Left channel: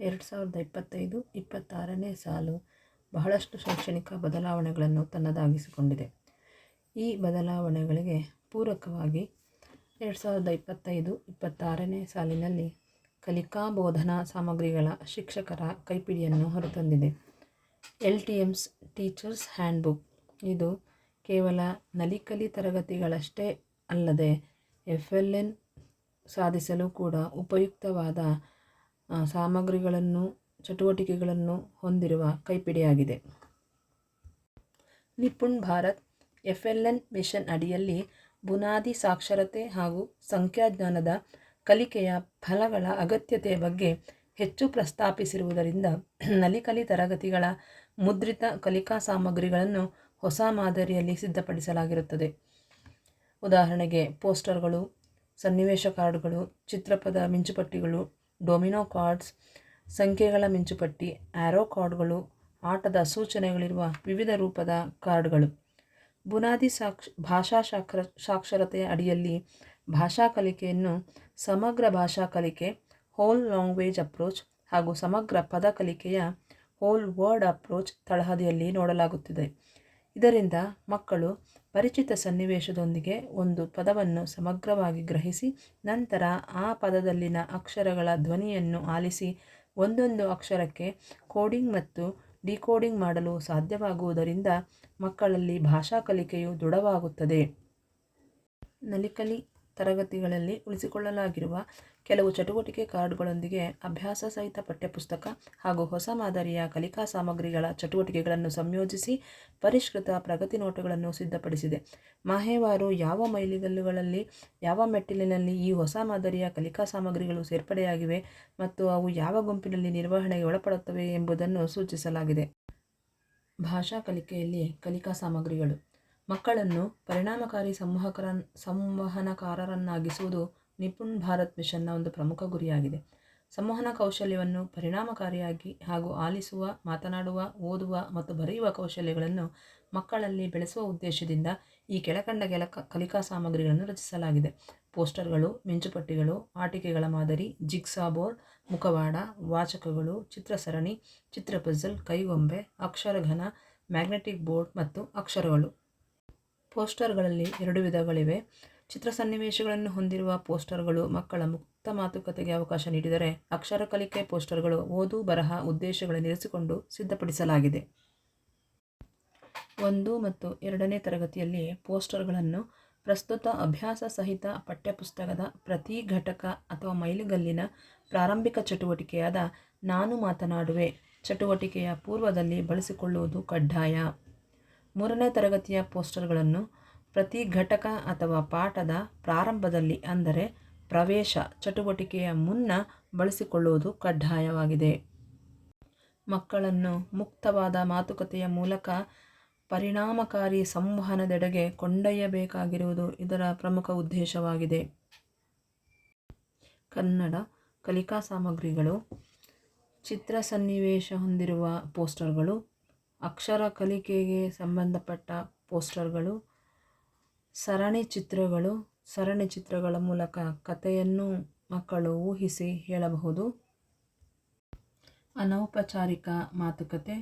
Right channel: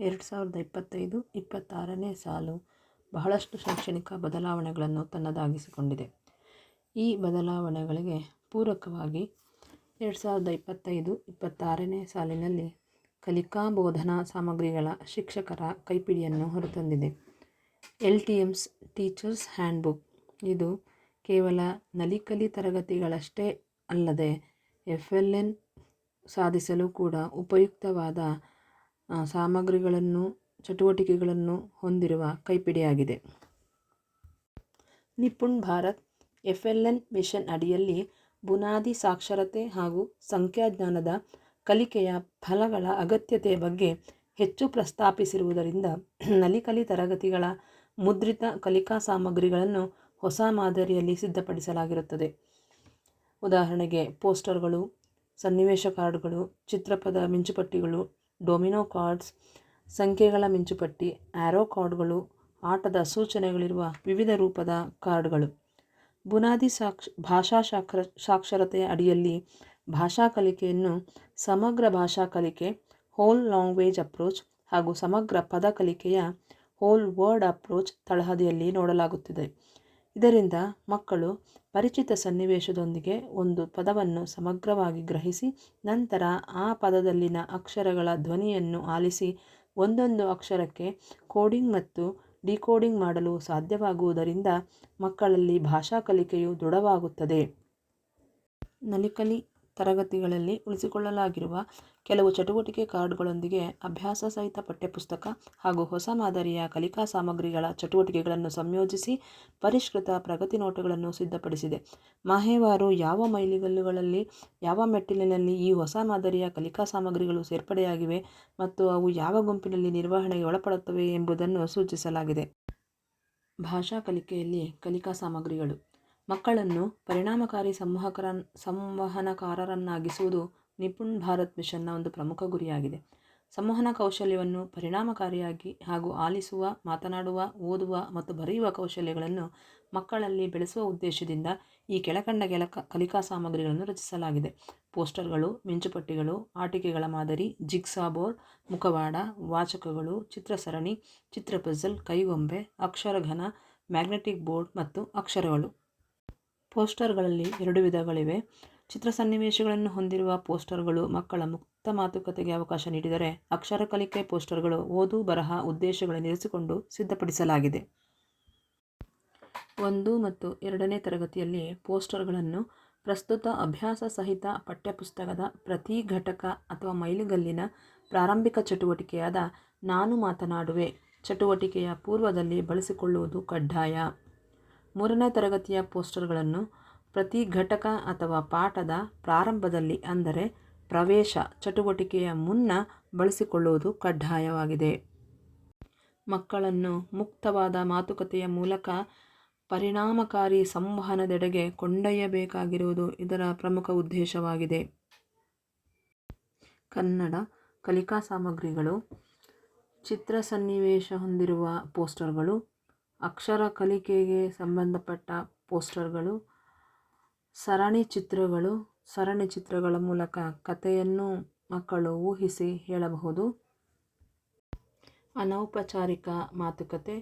ಎರಡು ಸಾವಿರದ ಇಪ್ಪತ್ತೈದು ಇಪ್ಪತ್ತಾರನೇ ಸಾಲು ಬಹಳಷ್ಟು ಶೈಕ್ಷಣಿಕ ಬದಲಾವಣೆಗಳನ್ನು ತನ್ನದಾಗಿಸಿಕೊಂಡಿದೆ. ಈ ಬದಲಾವಣೆಗಳಿಗೆ ಪೂರಕವಾಗಿ ಎರಡು ಸಾವಿರದ ಇಪ್ಪತ್ತೈದು ಇಪ್ಪತ್ತಾರನೇ ಸಾಲಿನಲ್ಲಿ ಕಲಿಕಾ ಬೋಧನಾ ಸಾಮಗ್ರಿಗಳ ಶಿಕ್ಷಕರ ಕೈಪಿಡಿಯನ್ನು ಹೊರತಂದಿದೆ. L T Ms teachers handbook. ಇದು ಕೇವಲ ನಲಿಕಲಿ ತರಗತಿಗಳಷ್ಟೇ ಅಲ್ಲದೆ ಎಫ್ ಎಲ್ ಎನ್ ಸಾಧಿಸಲು ಕೂಡ ಉಪಯುಕ್ತವಾದ ಸಾಮಗ್ರಿಗಳನ್ನು, ಚಟುವಟಿಕೆಗಳನ್ನು ಹೊಂದಿರುವ ಕೈಪಿಡಿಯಾಗಿದೆ. Nipun Bharat F L N mission ಅಡಿಯಲ್ಲಿ ಬುನಾದಿ ಸಾಕ್ಷರತೆ ಹಾಗೂ ಸಂಖ್ಯಾಜ್ಞಾನದ ಕಲಿಕೆಯ ಫಲಗಳ ಅಗತ್ಯತೆಯ ಬಗ್ಗೆ ಹೆಚ್ಚು ಪ್ರಸ್ತಾಪಿಸಿರುವುದರಿಂದ ನಲಿಕಲಿ ತರಗತಿಗಳ ಮುದ್ರಿತ ಕಲಿಕಾ ಸಾಮಗ್ರಿಗಳನ್ನು ಹೊಸ ಮಾದರಿಯಲ್ಲಿ ಸಿದ್ಧಪಡಿಸಲಾಗಿರುತ್ತದೆ. ಉದಾಹರಣೆಗೆ ಪೋಸ್ಟರ್ಗಳು, ಸನ್ನಿವೇಶ ಕಾರ್ಡ್ಗಳು, ಚಿತ್ರಪದ ಮಿಂಚುಪಟ್ಟಿಗಳು ಡೊಮಿನೋ ಕಾರ್ಡ್ಸ್, ಸಂಖ್ಯೆಗಳ ಮಿಂಚುಪಟ್ಟಿ ಆ್ಯರೋ ಕಾರ್ಡ್ಗಳು, ಆಟದ ಸೂಚನೆಗಳಿರುವ ವಿವಿಧ ರೂಪದ ಕಾರ್ಡ್ಗಳು. ಬುನಾದಿ ಸಾಕ್ಷ, ಭಾಷಾ ಸಾಕ್ಷರ ಸಾಕ್ಷರತೆಯ ಅಡಿಯಲ್ಲಿ ಭಾಷಾ ಕಲಿಕೆಯನ್ನು ಸಮಗ್ರ ಭಾಷಾ ಕಲಿಕೆ ಹೋಲ್ ಲ್ಯಾಂಗ್ವೇಜ್ ಅಪ್ರೋಚ್ ಹಾಗೂ ಸಮಗ್ರ ಪದ ಕಲಿಕೆಯ ಹೋಲ್ ವರ್ಡ್ ಅಪ್ರೋಚ್ ತಳಹದಿಯಲ್ಲಿ ನೋಡಲಾಗುತ್ತಿದೆ. ಇದರಿಂದ ಮಕ್ಕಳು ಪರಿಚಿತ ಸನ್ನಿವೇಶದೊಂದಿಗೆ ಒಂದು ಪದವನ್ನು ಸಮಗ್ರವಾಗಿ ಗ್ರಹಿಸಿ, ನಂತರ ಆ ಪದದಲ್ಲಿನ ಅಕ್ಷರಗಳ ಧ್ವನಿಯನ್ನು ಆಲಿಸಿ, ಒಂದೊಂದು ಅಕ್ಷರಕ್ಕೆ ಕೋಡಿಂಗ್ ಮತ್ತು ಡಿಕೋಡಿಂಗ್ ಮಾಡಲು ಸಾಧ್ಯವಾಗುವುದರಿಂದ ಮಕ್ಕಳಲ್ಲಿ ಭಾಷಾ ಕಲಿಕೆಯು ದೃಢವಾಗುತ್ತದೆ. ನಲಿಕಲಿ ತರಗತಿಗಳಲ್ಲಿ ಉಳಿಸಿಕೊಳ್ಳಲಾಗಿರುವ ಕೆಲವು ಚಟುವಟಿಕೆ ಕಾರ್ಡ್ಗಳೊಂದಿಗೆ ಅಭ್ಯಾಸ ಸಹಿತ ಪಠ್ಯಪುಸ್ತಕ ಹಾಗೂ ಹೊಸ ಮಾದರಿಯ ಕಲಿಕಾ ಸಾಮಗ್ರಿಗಳ ಚಟುವಟಿಕೆಗಳನ್ನು ಸಂಯೋಜಿಸಿ ಪರಿಷ್ಕೃತ ಪ್ರಗತಿ ನೋಟಗಳನ್ನು ಸಿದ್ಧಪಡಿಸಿದೆ. ಮಾಹೇವಾರು ಯಾವ ಮೈಲಿಗಲ್ಲುಗಳಲ್ಲಿ, ಯಾವ ಮೆಟ್ಟಿಲಿನಲ್ಲಿ ಈ ಹೊಸ ಮಾದರಿಯ ಕಲಿಕಾ ಸಾಮಗ್ರಿಗಳು ಸೇರ್ಪಡೆಯಾಗಿವೆ ಮತ್ತು ಅವು ಯಾವ ಗುಂಪಿನಲ್ಲಿ ನಿರ್ವಹಣೆಗೆ ಒಳಪಡುತ್ತವೆ ಎಂಬುದನ್ನು ಸೂಚಿಸಲಾಗಿದೆ. ಭಾಷಾ ಕಲಿಕೆಯಲ್ಲಿ ಕಲಿಕಾ ಸಾಮಗ್ರಿಗಳು. ಮಕ್ಕಳನ್ನು ಪರಿಣಾಮಕಾರಿ ಸಂವಹಕರ ಸಂವಹನಕಾರರನ್ನಾಗಿಸುವುದು ನಿಪುಣ್ ಭಾರತ್ ಮಿಷನ್ನ ಒಂದು ಪ್ರಮುಖ ಗುರಿಯಾಗಿದೆ. ಸಂವಹನ ಕೌಶಲ್ಯವನ್ನು ಪರಿಣಾಮಕಾರಿಯಾಗಿ ಹಾಗೂ ಆಲಿಸುವ, ಮಾತನಾಡುವ, ಓದುವ ಮತ್ತು ಬರೆಯುವ ಕೌಶಲ್ಯಗಳನ್ನು ಮಕ್ಕಳಲ್ಲಿ ಬೆಳೆಸುವ ಉದ್ದೇಶದಿಂದ ಈ ಕೆಳಕಂಡ ಕೆಲ ಕಲಿಕಾ ಸಾಮಗ್ರಿಗಳನ್ನು ರಚಿಸಲಾಗಿದೆ. ಪೋಸ್ಟರ್ಗಳು, ಮಿಂಚುಪಟ್ಟಿಗಳು, ಆಟಿಕೆಗಳ ಮಾದರಿ, ಜಿಗ್ಸಾ ಬೋರ್ಡ್, ಮುಖವಾಡ, ವಾಚಕಗಳು, ಚಿತ್ರಸರಣಿ, ಚಿತ್ರ ಪಜಲ್, ಕೈಗೊಂಬೆ ಅಕ್ಷರಘನ ಮ್ಯಾಗ್ನೆಟಿಕ್ ಬೋರ್ಡ್ ಮತ್ತು ಅಕ್ಷರಗಳು. ಪೋಸ್ಟರ್ಗಳಲ್ಲಿ ಎರಡು ವಿಧಗಳಿವೆ. ಚಿತ್ರ ಸನ್ನಿವೇಶಗಳನ್ನು ಹೊಂದಿರುವ ಪೋಸ್ಟರ್ಗಳು ಮಕ್ಕಳ ಮುಕ್ತ ಮಾತುಕತೆಗೆ ಅವಕಾಶ ನೀಡಿದರೆ ಅಕ್ಷರ ಕಲಿಕೆ ಪೋಸ್ಟರ್ಗಳು ಓದು ಬರಹ ಉದ್ದೇಶಗಳನ್ನು ಇರಿಸಿಕೊಂಡು ಸಿದ್ಧಪಡಿಸಲಾಗಿದೆ. ಒಂದು ಮತ್ತು ಎರಡನೇ ತರಗತಿಯಲ್ಲಿ ಪೋಸ್ಟರ್ಗಳನ್ನು ಪ್ರಸ್ತುತ ಅಭ್ಯಾಸ ಸಹಿತ ಪಠ್ಯಪುಸ್ತಕದ ಪ್ರತಿ ಘಟಕ ಅಥವಾ ಮೈಲುಗಲ್ಲಿನ ಪ್ರಾರಂಭಿಕ ಚಟುವಟಿಕೆಯಾದ ನಾನು ಮಾತನಾಡುವೆ ಚಟುವಟಿಕೆಯ ಪೂರ್ವದಲ್ಲಿ ಬಳಸಿಕೊಳ್ಳುವುದು ಕಡ್ಡಾಯ. ಮೂರನೇ ತರಗತಿಯ ಪೋಸ್ಟರ್ಗಳನ್ನು ಪ್ರತಿ ಘಟಕ ಅಥವಾ ಪಾಠದ ಪ್ರಾರಂಭದಲ್ಲಿ ಅಂದರೆ ಪ್ರವೇಶ ಚಟುವಟಿಕೆಯ ಮುನ್ನ ಬಳಸಿಕೊಳ್ಳುವುದು ಕಡ್ಡಾಯವಾಗಿದೆ. ಮಕ್ಕಳನ್ನು ಮುಕ್ತವಾದ ಮಾತುಕತೆಯ ಮೂಲಕ ಪರಿಣಾಮಕಾರಿ ಸಂವಹನದೆಡೆಗೆ ಕೊಂಡೊಯ್ಯಬೇಕಾಗಿರುವುದು ಇದರ ಪ್ರಮುಖ ಉದ್ದೇಶವಾಗಿದೆ. ಕನ್ನಡ ಕಲಿಕಾ ಸಾಮಗ್ರಿಗಳು ಚಿತ್ರ ಸನ್ನಿವೇಶ ಹೊಂದಿರುವ ಪೋಸ್ಟರ್ಗಳು, ಅಕ್ಷರ ಕಲಿಕೆಗೆ ಸಂಬಂಧಪಟ್ಟ ಪೋಸ್ಟರ್ಗಳು ಸರಣಿ ಚಿತ್ರಗಳು ಸರಣಿ ಚಿತ್ರಗಳ ಮೂಲಕ ಕಥೆಯನ್ನು ಮಕ್ಕಳು ಊಹಿಸಿ ಹೇಳಬಹುದು. ಅನೌಪಚಾರಿಕ ಮಾತುಕತೆ,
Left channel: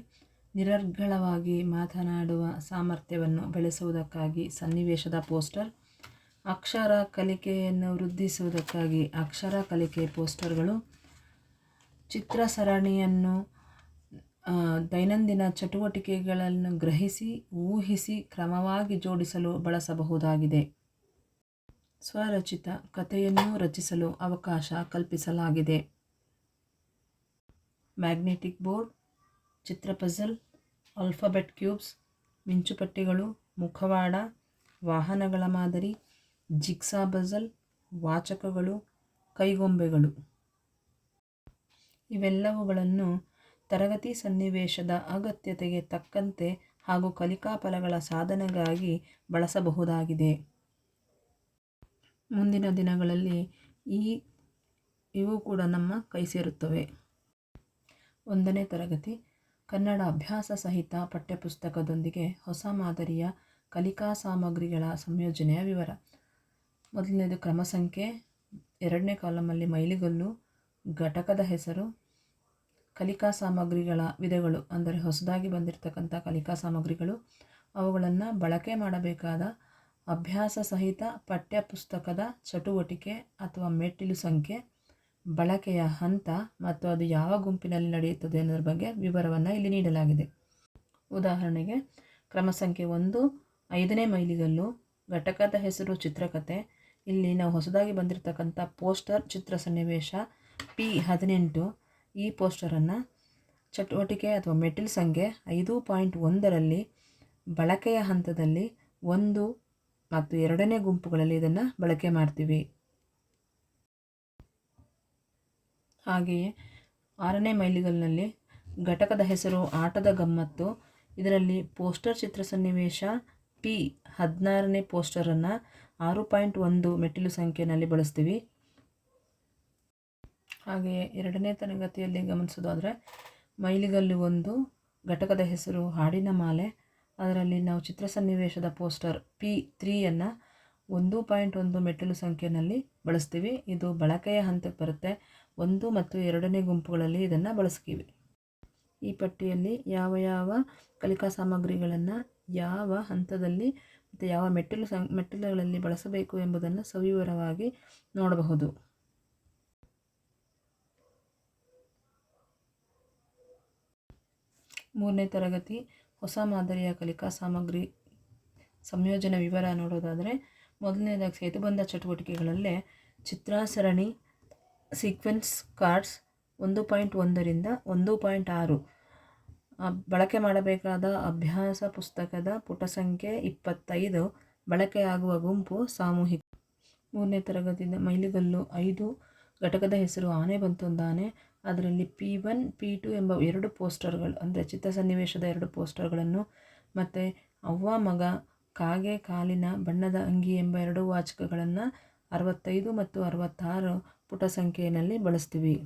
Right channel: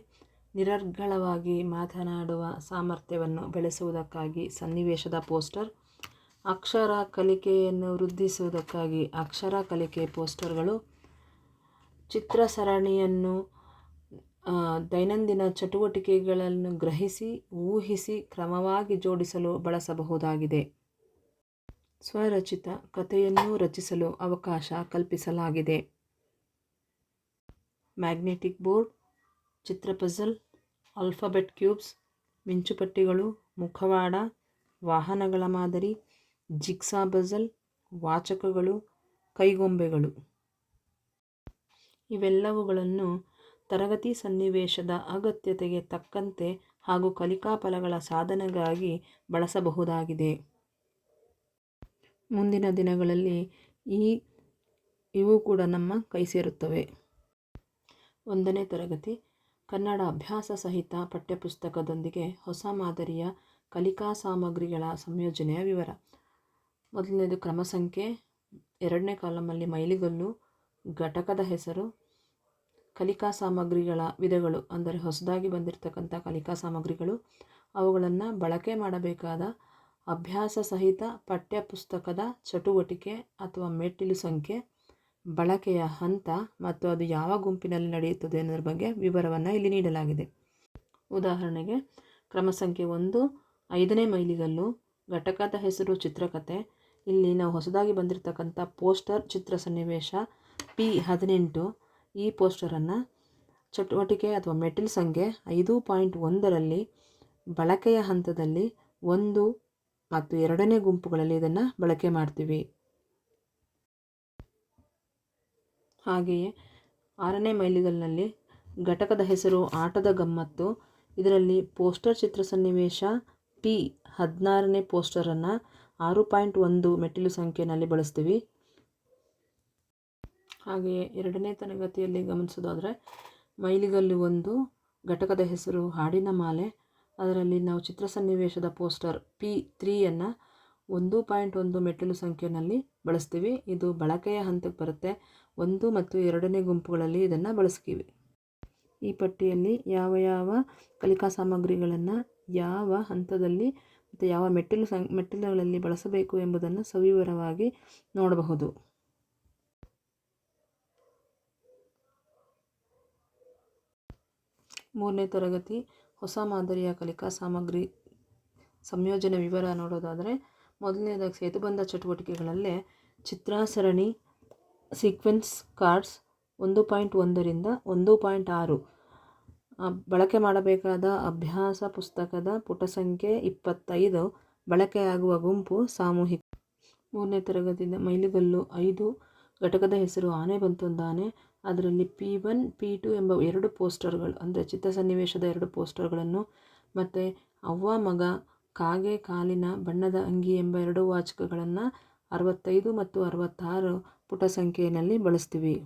ನಿರರ್ಗಳವಾಗಿ ಮಾತನಾಡುವ ಸಾಮರ್ಥ್ಯವನ್ನು ಬೆಳೆಸುವುದಕ್ಕಾಗಿ ಸನ್ನಿವೇಶದ ಪೋಸ್ಟರ್, ಅಕ್ಷರ ಕಲಿಕೆಯನ್ನು ವೃದ್ಧಿಸುವುದಕ್ಕಾಗಿ ಅಕ್ಷರ ಕಲಿಕೆ ಪೋಸ್ಟರ್ಗಳು ಚಿತ್ರ ಸರಣಿಯನ್ನು ದೈನಂದಿನ ಚಟುವಟಿಕೆಗಳನ್ನು ಗ್ರಹಿಸಿ, ಊಹಿಸಿ, ಕ್ರಮವಾಗಿ ಜೋಡಿಸಲು ಬಳಸಬಹುದಾಗಿದೆ. ಸ್ವರಚಿತ ಕಥೆಯನ್ನು ರಚಿಸಲು ಅವಕಾಶ ಕಲ್ಪಿಸಲಾಗಿದೆ. ಮ್ಯಾಗ್ನೆಟಿಕ್ ಬೋರ್ಡ್, ಚಿತ್ರ ಪಜಲ್, ಆಲ್ಫಾಬೆಟ್ ಕ್ಯೂಬ್ಸ್, ಮಿಂಚುಪಟ್ಟಿಗಳು, ಮುಖವಾಡ, ವಾಹನಗಳ ಮಾದರಿ ಜಿಕ್ಸಾ ಪಜಲ್, ವಾಚಕಗಳು, ಕೈಗೊಂಬೆಗಳು. ಇವೆಲ್ಲವುಗಳನ್ನು ತರಗತಿ ಸನ್ನಿವೇಶದ ಅಗತ್ಯತೆಗೆ ತಕ್ಕಂತೆ ಹಾಗೂ ಕಲಿಕಾ ಫಲಗಳ ಸಾಧನೆಗಾಗಿ ಬಳಸಬಹುದಾಗಿದೆ. ಮುಂದಿನ ದಿನಗಳಲ್ಲಿ ಈ, ಇವು ಕೂಡ ನಮ್ಮ ಕೈ ಸೇರುತ್ತವೆ. ಒಂದನೇ ತರಗತಿ, ಕನ್ನಡ ಅಭ್ಯಾಸ ಸಹಿತ ಪಠ್ಯಪುಸ್ತಕದೊಂದಿಗೆ ಹೊಸ ಮಾದರಿಯ ಕಲಿಕಾ ಸಾಮಗ್ರಿಗಳ ಸಂಯೋಜನೆಯ ವಿವರ. ಮೊದಲನೇದು ಕ್ರಮ ಸಂಖ್ಯೆ ಎರಡನೇ ಕಾಲಮಲ್ಲಿ ಮೈಲಿಗಲ್ಲು, ಘಟಕದ ಹೆಸರು ಕಲಿಕಾ ಸಾಮಗ್ರಿಗಳ ವಿಧಗಳು ಅಂದರೆ ಹೊಸದಾಗಿ ಬಂದಿರತಕ್ಕಂಥ ಕಲಿಕಾ ಸಾಮಗ್ರಿಗಳು, ಅವುಗಳನ್ನು ಬಳಕೆ ಮಾಡಬೇಕಾದ ಅಭ್ಯಾಸ ಸಹಿತ ಪಠ್ಯಪುಸ್ತಕದ ಚಟುವಟಿಕೆ ಅಥವಾ ಮೆಟ್ಟಿಲು ಸಂಖ್ಯೆ, ಬಳಕೆಯ ಹಂತ ಮತ್ತು ಅದು ಯಾವ ಗುಂಪಿನಲ್ಲಿ ನಡೆಯುತ್ತದೆ ಅನ್ನೋದ್ರ ಬಗ್ಗೆ ವಿವರವನ್ನು ಇಲ್ಲಿ ನೀಡಲಾಗಿದೆ. ಉದಾಹರಣೆಗೆ, ಕ್ರಮ ಸಂಖ್ಯೆ ಒಂದು, ಐದನೇ ಮೈಲಿಗಲ್ಲು, ಘಟಕದ ಹೆಸರು ಚಿತ್ರಕತೆ, ಇಲ್ಲಿ ನಾವು ಹೊಸದಾಗಿ ಬಂದಿರತಕ್ಕಂಥ ಪೋಸ್ಟರ್ ಚಿತ್ರ ಸನ್ನಿವೇಶ, ಪಿ ಹದಿನೆಂಟು ಈ ಪೋಸ್ಟರನ್ನು ಚಟುವಟಿಕೆ ಅಥವಾ ಮೆಟಲ್ ಸಂಖ್ಯೆ ಐದು ಪಾಯಿಂಟ್ ಒಂದರಲ್ಲಿ ಬಳಕೆಯ ಹಂತದಲ್ಲಿ ಒಂದು ಮತ್ತು ಎರಡನೇ ಗುಂಪುಗಳಲ್ಲಿ ಇದನ್ನು ಬಳಕೆ ಮಾಡ್ತೀವಿ. ಹಾಗೆಯೇ ಆರನೇ ಮೈಲಿಗಲ್ನಲ್ಲಿ ಘಟಕದ ಹೆಸರು, ಆಟದ ಗಮ್ಮತ್ತು, ಇದರಲ್ಲಿ ಪೋಸ್ಟರ್ ಚಿತ್ರ ಸನ್ನಿವೇಶ, ಪಿ ಹದಿನಾರನೇ ಪೋಸ್ಟರನ್ನು ಆರು ಪಾಯಿಂಟ್ ಒಂದು ಮೆಟ್ಟಿಲು ಸಂಖ್ಯೆಯಲ್ಲಿ ಬಳಸ್ತೀವಿ. ಹಾಗೆಯೇ ಎರಡನೇ ತರಗತಿಯಲ್ಲಿ ಗಮನಿಸೋದಾದರೆ, ಮೈಲಿಗಲ್ಲಿ ಒಂದು ಘಟಕದ ಹೆಸರು ಹಾಡಿನ ಮಾಲೆ. ಅದರಲ್ಲಿ ನಾವು ಚಿತ್ರ ಸನ್ನಿವೇಶದ ಪೋಸ್ಟರ್ ಪಿ ತ್ರೀಯನ್ನು ಒಂದು ಪಾಯಿಂಟ್ ಒಂದು ಮೆಟ್ಟಿಲು ಸಂಖ್ಯೆಯಲ್ಲಿ ಬಳಸ್ತೀವಿ. ಇದು ಬಳಕೆಯ ಹಂತಕ್ಕೆ ಬರುತ್ತೆ. ಒಂದು ಮತ್ತು ಎರಡನೇ ಗುಂಪುಗಳಲ್ಲಿ ಇದನ್ನು ಬಳಸ್ತೀವಿ. ಈ ಪಟ್ಟಿಯಲ್ಲಿ ಯಾವ ಯಾವ ಕಲಿಕಾ ಸಾಮಗ್ರಿಗಳನ್ನು ಯಾವ ಹಂತದಲ್ಲಿ ಮತ್ತು ಯಾವ ಮೆಟ್ಟಿಲು ಸಂ ಮೆಟ್ಟಿಲುಗಳಲ್ಲಿ ಬಳಸಬೇಕು ಎಂಬುದನ್ನು ಸವಿವರವಾಗಿ ನೋಡಬಹುದು. ಮೂರನೇ ತರಗತಿ ಹೊಸ ಮಾದರಿಯ ಕಲಿಕಾ ಸಾಮಗ್ರಿ ಸಂಯೋಜನೆ ವಿವರ ನೋಡೋದಾದರೆ ಮೊದಲನೇದಾಗಿ ಸೇತುಬಂಧ ಚಟುವಟಿಕೆಗಳಲ್ಲೇ ಚಿತ್ರಾಸರಣಿ ಸೀಕ್ವೆನ್ಸ್ ಕಾರ್ಡ್ಸ್ ಒಂದು ಪಾಯಿಂಟ್ ಒಂದರಿಂದ ಒಂದು ಪಾಯಿಂಟ್ ಆರು. ಬಳಕೆ ಮಾಡಬೇಕಾದ ಅಭ್ಯಾಸ ಪುಸ್ತಕದ ಪುಟ ಸಂಖ್ಯೆ ಇಪ್ಪತ್ತೈದು, ಬಳಕೆಯಾಗುವ ಗುಂಪು ಸಾಮೂಹಿಕ. ಮೂರನೇ ತರಗತಿಯಿಂದ ಮೈಲಿಗಲ್ಲು ಐದು, ಘಟಕದ ಹೆಸರು ಆನೆ ಬಂತೊಂದಾನೆ ಅದರಲ್ಲಿ ಪಿ ಒನ್, ಪಿ ಟು ಎಂಬ ಎರಡು ಪೋಸ್ಟರ್ಗಳು, ಅಂದರೆ ಚಿತ್ರ ಸನ್ನಿವೇಶದ ಎರಡು ಪೋಸ್ಟರ್ಗಳನ್ನು ಮತ್ತು ಅವ್ವ ಮಗ ಕಾಗೆ ಕಾಲಿನ ಬಣ್ಣದ ಅಂಗಿ ಎಂಬ ಎರಡು ವಾಚಕಗಳನ್ನು ಅರವತ್ತೈದು ಮತ್ತು ಅರವತ್ತಾರು ಪುಟ ಸಂಖ್ಯೆಯಲ್ಲಿ ಬಳಸ್ತೀವಿ.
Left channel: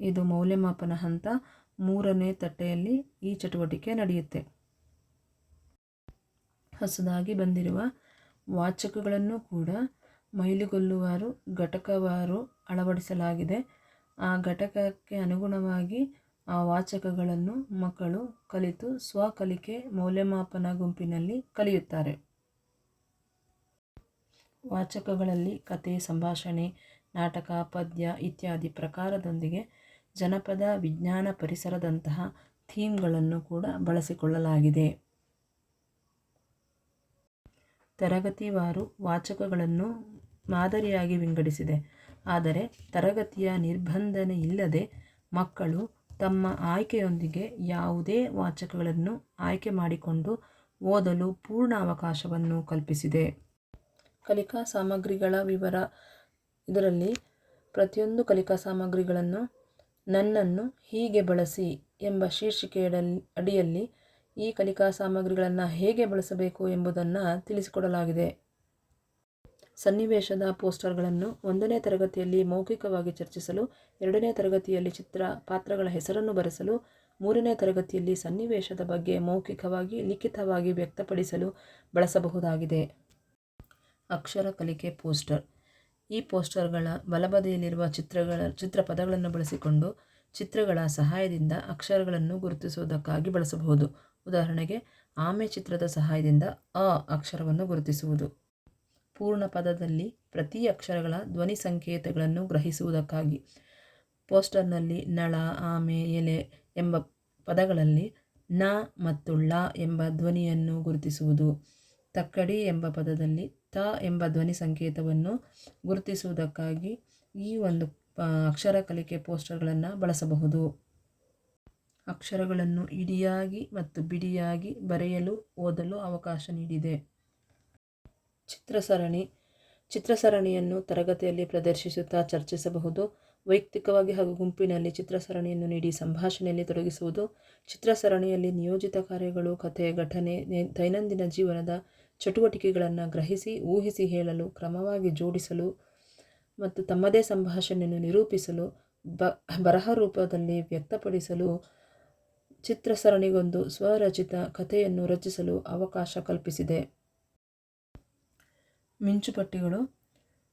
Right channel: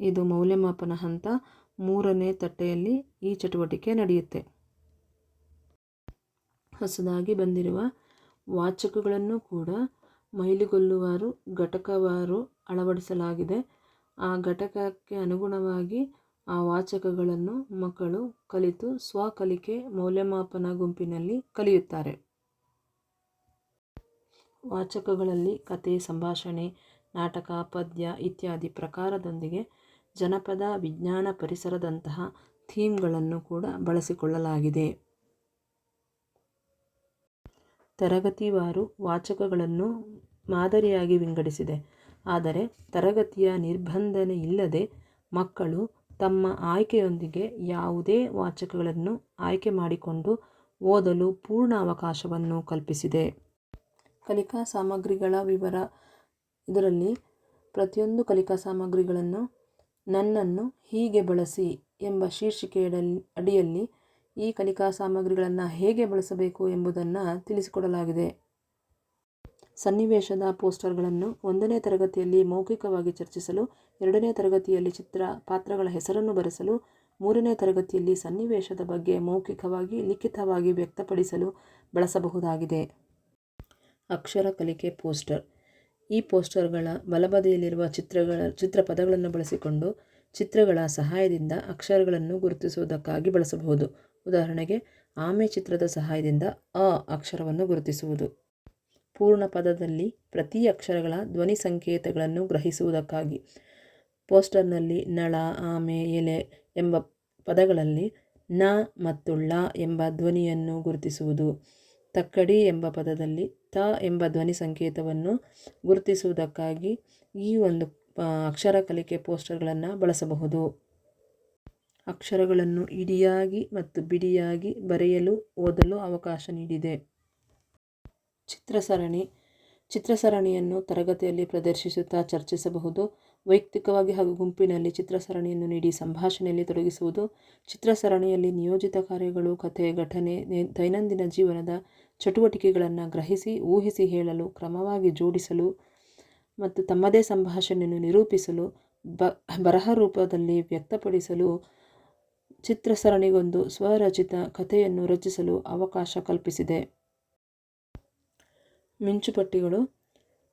ಇದು ಮೌಲ್ಯಮಾಪನ ಹಂತ ಮೂರನೇ ತಟ್ಟೆಯಲ್ಲಿ ಈ ಚಟುವಟಿಕೆ ನಡೆಯುತ್ತೆ. ಹೊಸದಾಗಿ ಬಂದಿರುವ ವಾಚಕಗಳನ್ನು ಕೂಡ ಮೈಲಿಗೊಲ್ಲುವಾರು, ಘಟಕವಾರು ಅಳವಡಿಸಲಾಗಿದೆ. ಆ ಘಟಕಕ್ಕೆ ಅನುಗುಣವಾಗಿ ಆ ವಾಚಕಗಳನ್ನು ಮಕ್ಕಳು ಕಲಿತು ಸ್ವಕಲಿಕೆ ಮೌಲ್ಯಮಾಪನ ಗುಂಪಿನಲ್ಲಿ ಕಲಿಯುತ್ತಾರೆ. ವಾಚಕಗಳಲ್ಲಿ ಕತೆ, ಸಂಭಾಷಣೆ, ನಾಟಕ, ಪದ್ಯ ಇತ್ಯಾದಿ ಪ್ರಕಾರದೊಂದಿಗೆ ಜನಪದ, ವಿಜ್ಞಾನ ಪರಿಸರದಂತಹ ಥೀಮ್ಗಳನ್ನು ಕೂಡ ಬಳಸಿಕೊಳ್ಳಲಾಗಿದೆ. ತರಗತಿವಾರು ವಾಚಕಗಳನ್ನು ಮಾದರಿಯಾಗಿ ವಿಂಗಡಿಸಿದೆ. ಆದರೆ ತರಗತಿಯ ನಿರ್ಬಂಧನೆ ಇಲ್ಲದೆ ಮಕ್ಕಳು ತಮ್ಮ ಆಯ್ಕೆಯೊಂದಿಗೆ ಯಾವುದೇ ವಾಚಕಗಳನ್ನು ಆಯ್ಕೆ ಮಾಡಿಕೊಂಡು ಓದಲು ಪೂರ್ಣ ಅವಕಾಶವನ್ನು ಕಲ್ಪಿಸಿದೆ. ಕಲಿಕಾ ಸಾಮಗ್ರಿಗಳ ವಿವರ. ಇದರಲ್ಲಿ ಪ್ರತಿಯೊಂದು ಕಲಿಕಾ ಸಾಮಗ್ರಿಗಳನ್ನು ನನ್ನನ್ನು ಹೀಗೆ ಬಳಸಿ ಎಂಬ ಶೀರ್ಷಿಕೆಯ ಅಡಿಯಲ್ಲಿ ಈ ಕಲಿಕಾ ಸಾಮಗ್ರಿಗಳನ್ನು ಹೇಗೆ ಬಳಸಬೇಕು ಎಂಬುದನ್ನು ತಿಳಿಸಿಕೊಡಲಾಗಿದೆ. ಸನ್ನಿವೇಶದ ಪೋಸ್ಟರ್ಗಳನ್ನು ಒಂದನೇ ತರಗತಿಯಲ್ಲಿ ಮೌಖಿಕವಾಗಿ ಚರ್ಚಿಸಲು, ಎರಡನೇ ತರಗತಿಯಲ್ಲಿ ಚಿತ್ರ ಪಾತ್ರಗಳ ಹೆಸರನ್ನು ಬರೆಸಲು, ಮೂರನೇ ತರಗತಿಯಲ್ಲಿ ಸನ್ನಿವೇಶದ ಬಗ್ಗೆ ಮೌಖಿಕವಾಗಿ, ಲಿಖಿತವಾಗಿ ವ್ಯಕ್ತಪಡಿಸಲು ಬಳಸಬಹುದಾಗಿದೆ. ಅಕ್ಷರ ಕಲಿಕೆ ಪೋಸ್ಟರ್. ಈ ಪೋಸ್ಟರ್ಗಳ ಬಲಬದಿಯಲ್ಲಿರುವ ಚಿತ್ರಗಳ ಚಿತ್ರಪದಗಳನ್ನು ಬಳಸಿಕೊಂಡು ಚಿತ್ರಗಳ ಸಹಾಯದಿಂದ ಅಕ್ಷರಗಳನ್ನು ಗುರುತಿಸುವುದಕ್ಕಾಗಿ ಬಳಸಬಹುದು. ಉದಾಹರಣೆಗೆ, ಆಮೆ ಚಿತ್ರದ ಸಹಾಯದಿಂದ ಅ ಅಕ್ಷರವನ್ನು ಗುರುತಿಸುವುದು. ಪೂರ್ಣ ಪದದಲ್ಲಿ ಪ್ರತಿ ಅಕ್ಷರಗಳ ಧ್ವನಿ ಸಂಕೇತಗಳನ್ನು ಗ್ರಹಿಸುವುದಕ್ಕಾಗಿ. ಪೋಸ್ಟರ್ನಲ್ಲಿ ನಳ, ಆಮೆ, ಎಲೆ ಎಂಬ ಪದಗಳಲ್ಲಿ ನ ಮತ್ತು ಳ ಎಂಬ ಧ್ವನಿಯನ್ನು ಗುರುತಿಸುವುದು. ತಕ್ಕಡಿ ಎಂಬ ಪದದಲ್ಲಿ ತ ಎಂಬ ಧ್ವನಿ ಸಂಕೇತವನ್ನು ಗುರುತಿಸುವುದಕ್ಕಾಗಿ ಈ ಒಂದು ಅಕ್ಷರ ಕಲಿಕೆ ಪೋಸ್ಟರ್ಗಳನ್ನು ಬಳಸಬಹುದು. ಅಕ್ಷರಗಳನ್ನು ಇಡಿಯಾಗಿ ಮತ್ತು ಬಿಡಿಯಾಗಿ ಬರೆಯಲು, ಓದಲು ಅವಕಾಶ ನೀಡಿದೆ. ಚಿತ್ರಸರಣಿ, ಚಿತ್ರಸರಣಿಯನ್ನು ತರಗತಿಯಲ್ಲಿ ಪ್ರದರ್ಶಿಸುತ್ತಾ ಚರ್ಚಿಸಬಹುದು. ವೈಯಕ್ತಿಕವಾಗಿ ಹಾಗೂ ಗುಂಪಿನಲ್ಲಿ ಚಿತ್ರಸರಣಿಯನ್ನು ನೀಡಿ ಸಂಭಾಷಣೆಯಲ್ಲಿ ತೊಡಗಿಸುವುದು. ಚಿತ್ರಸರಣಿಯಲ್ಲಿ ನಿಯೋಜಿತ ಕಾರ್ಯಗಳು, ಕಥೆ, ಘಟನೆ ದೈನಂದಿನ ಜೀವನದ ಚಟುವಟಿಕೆಗಳನ್ನು ಗ್ರಹಿಸಿ, ಊಹಿಸಿ ಹೇಳಲು, ಕ್ರಮವಾಗಿ ಜೋಡಿಸಲು ಮತ್ತು ತಮ್ಮದೇ ಸಂಭಾಷಣೆಯನ್ನು ನಿರೂಪಿಸಲು, ಬ, ಬರಹ ರೂಪದಲ್ಲಿ ವ್ಯಕ್ತಪಡಿಸಲು, ಚಿತ್ರಸರಣಿಗೊಂದು ಸ್ವರಚಿತ ಕಥೆಯನ್ನು ರಚಿಸಲು ಅವಕಾಶ ಕಲ್ಪಿಸಿದೆ. ಮಿಂಚುಪಟ್ಟಿಗಳು.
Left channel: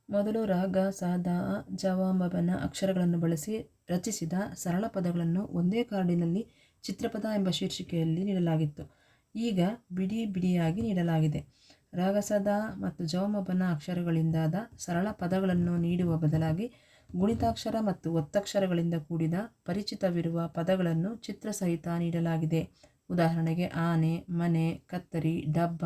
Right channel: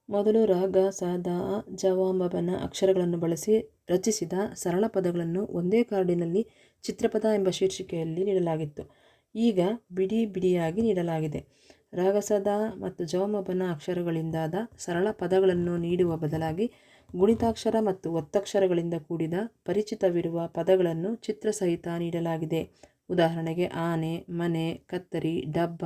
ಮೊದಲು ರಾಗ, ಸಾದ ಜವಾಂಬನ ಅಕ್ಷರಗಳನ್ನು ಬಳಸಿ ರಚಿಸಿದ ಸರಳ ಪದಗಳನ್ನು ಒಂದೇ ಕಾರ್ಡಿನಲ್ಲಿ ಚಿತ್ರಪದ ಎಂಬ ಶೀರ್ಷಿಕೆಯಲ್ಲಿ ನೀಡಲಾಗಿತ್ತು. ಈಗ ಬಿಡಿ ಬಿಡಿಯಾಗಿ ನೀಡಲಾಗಿದೆ. ರಾಗಸದ ಮತ್ತು ಜವಮಬನ ಅಕ್ಷರಗಳಿಂದಾದ ಸರಳ ಪದಗಳನ್ನು ನೀಡುವ ಬದಲಾಗಿ ಗುಣಿತಾಕ್ಷರ ಮತ್ತು ಒತ್ತಕ್ಷರಗಳಿಂದ ಕೂಡಿದ ಪರಿಚಿತವಿರುವ ಪದಗಳನ್ನು ಚಿತ್ರಸಹಿತ ನೀಡಲಾಗಿದೆ. ಉದಾಹರಣೆಗೆ ಆನೆ, ಮನೆ, ಕತ್ತರಿ, ಡಬ್ಬ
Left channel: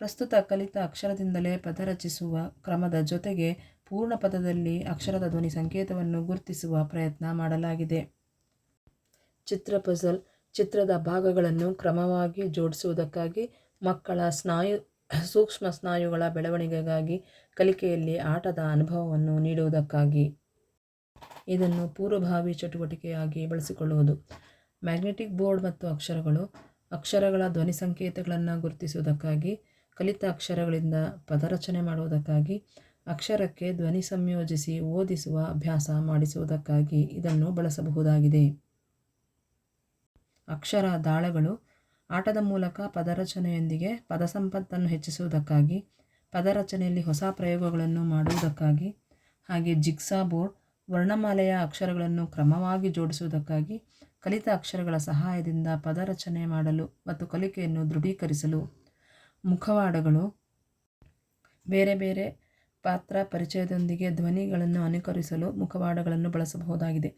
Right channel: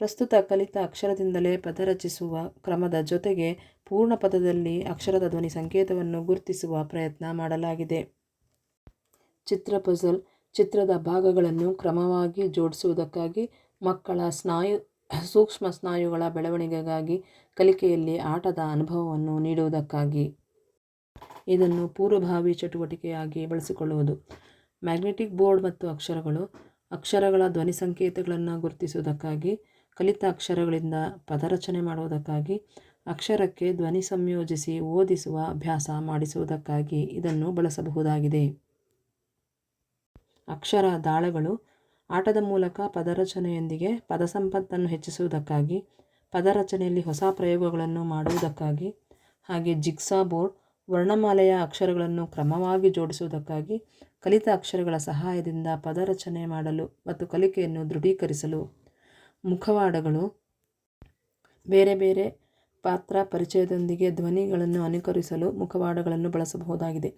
ಪ್ರಸ್ತುತ ಕಲಿತ ಅಕ್ಷರದಿಂದಲೇ ಪದ ರಚಿಸುವ ಕ್ರಮದ ಜೊತೆಗೆ ಪೂರ್ಣ ಪದದಲ್ಲಿ ಅಕ್ಷರದ ಧ್ವನಿ ಸಂಕೇತವನ್ನು ಗುರುತಿಸುವ ಪ್ರಯತ್ನ ಮಾಡಲಾಗಿದೆ. ಚಿತ್ರ ಪಜಲ್ ಚಿತ್ರದ ಭಾಗಗಳನ್ನು ಕ್ರಮವಾಗಿ ಜೋಡಿಸುವುದಕ್ಕಾಗಿ ಮಕ್ಕಳ ಸ್ನಾಯು ಸೂಕ್ಷ್ಮ ಸ್ನಾಯುಗಳ ಬೆಳವಣಿಗೆಗಾಗಿ ಕಲಿಕೆಯಲ್ಲಿ ಆಟದ ಅನುಭವವನ್ನು ನೀಡುವುದಕ್ಕಾಗಿ. ಇದನ್ನು ಪೂರ್ವಭಾವಿ ಚಟುವಟಿಕೆಯಾಗಿ ಬಳಸಿಕೊಳ್ಳುವುದು. ಮ್ಯಾಗ್ನೆಟಿಕ್ ಬೋರ್ಡ್ ಮತ್ತು ಅಕ್ಷರಗಳು ಅಕ್ಷರಗಳ ಧ್ವನಿ ಸಂಕೇತಗಳನ್ನು ಗುರುತಿಸುವುದಕ್ಕಾಗಿ ಕಲಿತ ಅಕ್ಷರಗಳಿಂದ ಪದರಚನೆ ಮಾಡುವುದಕ್ಕಾಗಿ, ಅಕ್ಷರಕ್ಕೆ ಧ್ವನಿ ಸಂಯೋಜಿಸಿ ಓದಿಸುವ ಅಭ್ಯಾಸ ಮಾಡಿಸುವುದಕ್ಕಾಗಿ ಇದನ್ನು ಬಳಸಬಹುದಾಗಿದೆ. ಅಕ್ಷರ ದಾಳಗಳು ಆಟದ ಮೂಲಕ ಪದರಚನೆಯೊಂದಿಗೆ ಪದ ಸಂಪತ್ತನ್ನು ಹೆಚ್ಚಿಸುವುದಕ್ಕಾಗಿ, ಪದರಚನೆಯಲ್ಲಿ ಹೊಸ ಪ್ರಯೋಗಗಳನ್ನು ಮಾಡುವುದಕ್ಕಾಗಿ, ಹಾಗೆ ಜಿಗ್ಸಾ ಬೋರ್ಡ್, ವರ್ಣಮಾಲೆಯ ಅಕ್ಷರಗಳನ್ನು ಕ್ರಮವಾಗಿ ಜೋಡಿಸುವುದಕ್ಕಾಗಿ ಕಲಿತ ಅಕ್ಷರಗಳ ಸಹಾಯದಿಂದ ಪದರಚನೆ ಮಾಡಲು ಮತ್ತು ಕಲಿಕೆಯನ್ನು ದೃಢೀಕರಿಸಲು ಮುಖವಾಡಗಳು. ಬೇರೆ ಬೇರೆ ಪಾತ್ರ ಪರಿಚಯದೊಂದಿಗೆ ಧ್ವನಿಗಳನ್ನು ಅನುಕರಿಸಲು ಮುಖವಾಡಗಳನ್ನು ಬಳಸಬಹುದಾಗಿದೆ.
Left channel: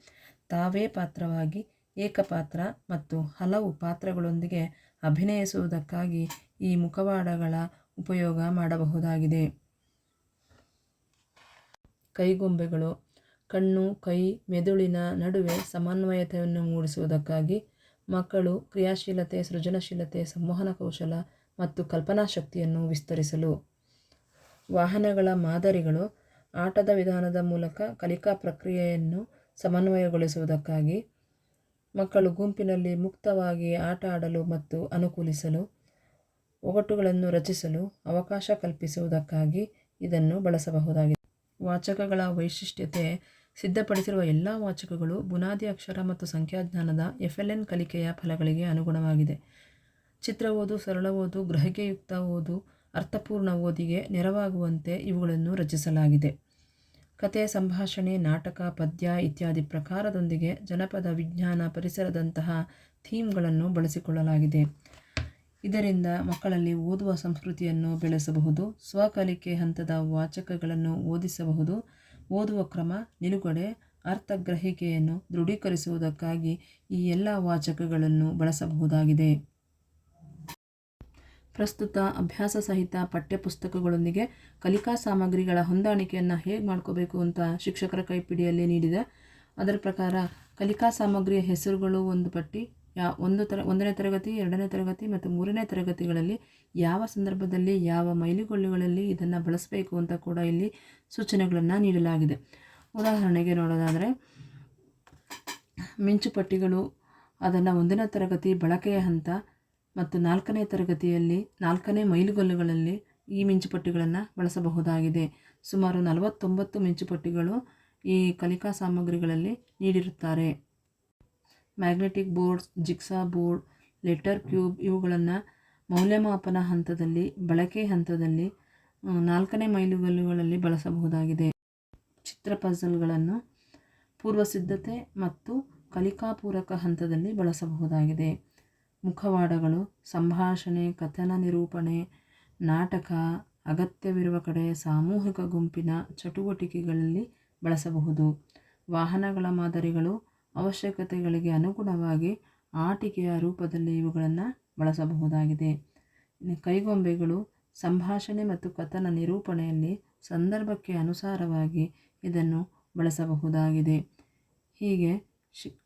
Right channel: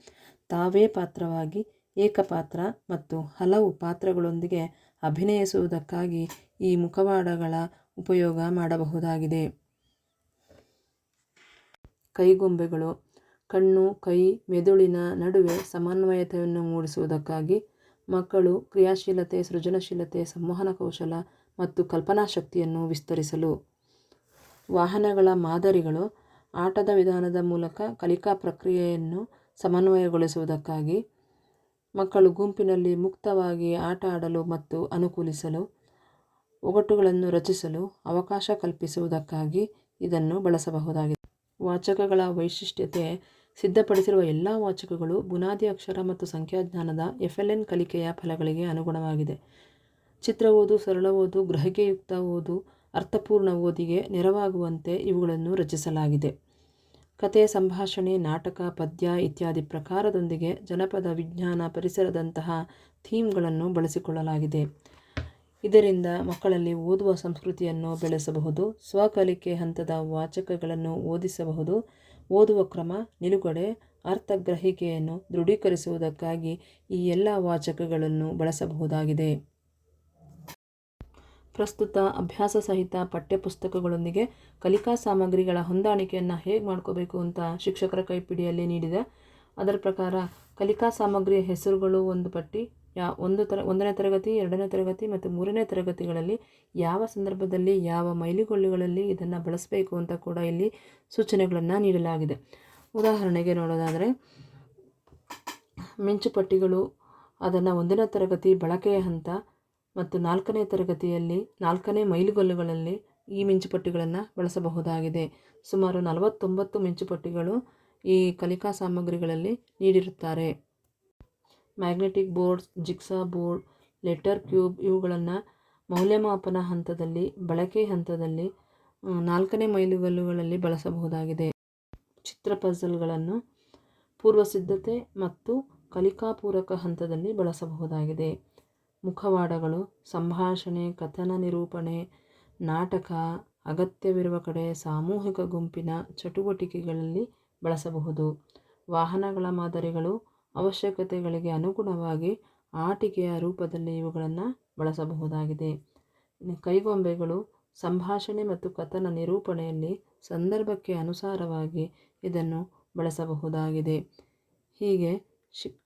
ತಾವೇ ಪಾತ್ರವಾಗಿ ಏಕಪಾತ್ರ ಮತ್ತು ಹಲವು ಪಾತ್ರಗಳೊಂದಿಗೆ ಅಭಿನಯಿಸುವುದಕ್ಕಾಗಿ ಈ ಮುಖವಾಡಗಳ ಉಪಯೋಗ ಮಾಡಬಹುದಾಗಿದೆ. ಕೈಗೊಂಬೆಗಳು, ಕಣ್ಣು, ಕೈ, ಮೆದುಳಿನ ನಡುವೆ ಸಮನ್ವಯತೆಯನ್ನು ಮೂಡಿಸುವುದಕ್ಕಾಗಿ ಮಕ್ಕಳು ಕ್ರಿಯಾಶೀಲತೆ, ಸೃಜನಶೀಲತೆ, ಸಂವಹನ ಕೌಶಲ ಮತ್ತು ಕಲ್ಪನಾ ಶಕ್ತಿಯನ್ನು ವಿಸ್ತರಿಸಲು. ವಾಹನಗಳ ಮಾದರಿಗಳು ಆಟದ ವಿಧಾನದ ಮೂಲಕ ಕಲಿಕಾ ಪ್ರಕ್ರಿಯೆಯನ್ನು ಸಮನ್ವಯಗೊಳಿಸುವುದಕ್ಕಾಗಿ, ಮಕ್ಕಳು ಗುಂಪಿನಲ್ಲಿ ಮುಕ್ತವಾಗಿ ಆಟ ಆಡಲು ಮತ್ತು ಅನುಕೂಲಿಸಲು, ಒಗಟುಗಳನ್ನು ರಚಿಸಲು ಅವಕಾಶ ಕಲ್ಪಿಸುವುದಕ್ಕಾಗಿ ಇದನ್ನು ಬಳಸಬಹುದಾಗಿದೆ. ವಾಚಕಗಳ ವೈಶಿಷ್ಟ್ಯತೆ ಸಿದ್ಧಪಡಿಸಿರುವ ಎಲ್ಲ ವಾಚಕಗಳು ಬುನಾದಿ ಅಕ್ಷರ ಮತ್ತು ಸಂಖ್ಯಾಜ್ಞಾನದ ಎಫ್ ಎಲ್ ಎನ್ ಕಲಿಕೆಯ ಫಲಗಳಿಗೆ ಅನುಗುಣವಾಗಿದೆ. ಚಿತ್ರ ಓದು, ಸರಳ ಓದು, ಗ್ರಹಿಕೆಯುಕ್ತ ಓದು, ಅರ್ಥಪೂರ್ಣ ಓದಿಗೆ ನೆರವಾಗುವಂತೆ ಇವುಗಳನ್ನು ರಚಿಸಲಾಗಿದೆ. ಕತೆ, ಸಂಭಾಷಣೆ, ನಾಟಕ, ಪದ್ಯ ಇತ್ಯಾದಿ ಪ್ರಕಾರದೊಂದಿಗೆ ಜನಪದ, ವಿಜ್ಞಾನ ಪರಿಸರದಂತಹ ಥೀಮ್ಗಳನ್ನು ಬಳಸಿಕೊಳ್ಳಲಾಗಿದೆ. ಇದರಿಂದ ಮಕ್ಕಳಲ್ಲಿ ಓದುವ ಸಂಸ್ಕೃತಿಯನ್ನು ಬೆಳೆಸಬಹುದು, ಸ್ವಕಲಿಕೆ ಹಂತದ ವಾಚಕಗಳನ್ನು ಓದಿಸಬಹುದು, ಓದುವ ಕ್ರಮ, ನಿಲುಗಡೆ, ಅರ್ಥಗ್ರಹಿಕೆಯನ್ನು ದೃಢೀಕರಿಸುವುದಕ್ಕಾಗಿ ಈ ಎಲ್ಲ ವಾಚಕಗಳನ್ನು ಬಳಸಬಹುದಾಗಿದೆ. ಪ್ರಸ್ತುತ ಅಭ್ಯಾಸ ಸಹಿತ ಪಠ್ಯಪುಸ್ತಕಗಳೊಂದಿಗೆ ಕಲಿಕಾ ಸಾಮಗ್ರಿಗಳ ಹೊಂದಾಣಿಕೆಯನ್ನು ಹೇಗೆ ಮಾಡ್ಕೋಬೇಕು ಅಂತ ಶಿಕ್ಷಕರ ಕೈಪಿಡಿಯಲ್ಲಿ ನೀಡಿದೆ. ಅದರ ಪ್ರಕಾರ ಕಲಿಕಾ ಸಾಮಗ್ರಿಯ ಹೆಸರುಗಳು ಒಂದು ಪಟ್ಟಿ, ಯಾ ಒಂದು ತರ, ಒಂದನೇ ತರಗತಿ, ಎರಡನೇ ತರಗತಿ ಮತ್ತು ಮೂರನೇ ತರಗತಿಗಳಲ್ಲಿ ಯಾವ ಸಂದರ್ಭದಲ್ಲಿ ಯಾವ ಮೈಲಿಗಲ್ಲುಗಳಲ್ಲಿ ಇದನ್ನು ಬಳಸಬೇಕು ಅಂತ ಕೂಡ ಇಲ್ಲಿ ಸೂಚನೆಗಳನ್ನು ನೀಡಲಾಗಿದೆ. ಉದಾಹರಣೆಗೆ ನೋಡೋದಾದರೆ ಮಿಂಚುಪಟ್ಟಿಗಳು ಅದನ್ನು ಒಂದನೇ ತರಗತಿ ಬಳಕೆಯ ಹಂತ ಮತ್ತು ನಾಲ್ಕನೇ ತರಗತಿಯಲ್ಲಿ, ನಾಲ್ಕನೇ ಮೈಲುಗಲ್ಲುಗಳಲ್ಲಿ ಈ ಮಿಂಚುಪಟ್ಟಿಗಳನ್ನು ಬಳಸಬಹುದಾಗಿದೆ. ಸುಮಾರು ನಲವತ್ತೊಂಬತ್ತು ಮಿಂಚುಪಟ್ಟಿಗಳು ಈ ಕಲಿಕಾ ಸಾಮಗ್ರಿಗಳಲ್ಲಿ ನೀಡಿರುತ್ತಾರೆ. Magnetic boards jigsaw board, letter cube ಇವುಗಳನ್ನು ಮೌಲ್ಯಮಾಪನ ಹಂತದಲ್ಲಿ, ಬಳಕೆ ಹಂತದಲ್ಲಿ ನಾಲ್ಕನೇ ಮೈಲುಗಲ್ಲುಗಳಲ್ಲಿ ಬಳಸಬಹುದಾಗಿದೆ. ಚಿತ್ರ ಪಝಲ್ಗಳನ್ನು ಪೂರ್ವಸಿದ್ಧತೆ ಮತ್ತು ಕಲಿಕಾಪೂರಕ ಹಂತದಲ್ಲಿ ಬಳಸಬಹುದಾಗಿದೆ. ಮುಖವಾಡಗಳು, ಸಂಭಾಷಣೆ, ಕಥನ ನಿರೂಪಣೆ, ನಾಟಕ, ಅಗತ್ಯವಿರುವ ಕಡೆ ಸಾಮೂಹಿಕ ಗುಂಪಿನ ಚಟುವಟಿಕೆಗಳಲ್ಲಿ ಬಳಸಬಹುದು. ವಾಹನಗಳ ಮಾದರಿಗಳು ಅವಶ್ಯಕತೆಗಳಿಗೆ ಅನುಗುಣವಾಗಿ ಆಟಿಕೆಯ ರೂಪದಲ್ಲಿ ಇವುಗಳನ್ನು ಬಳಸಬಹುದಾಗಿದೆ. ಕೈಗೊಂಬೆಗಳು, ಸಂಭಾಷಣೆ ಮತ್ತು ಕಥನ ನಿರೂಪಣೆಯಲ್ಲಿ ಸಂದರ್ಭಕ್ಕೆ ಅನುಸಾರವಾಗಿ ಇದನ್ನು ಬಳಸಬಹುದಾಗಿದೆ. ಹೀಗೆ ಶಿ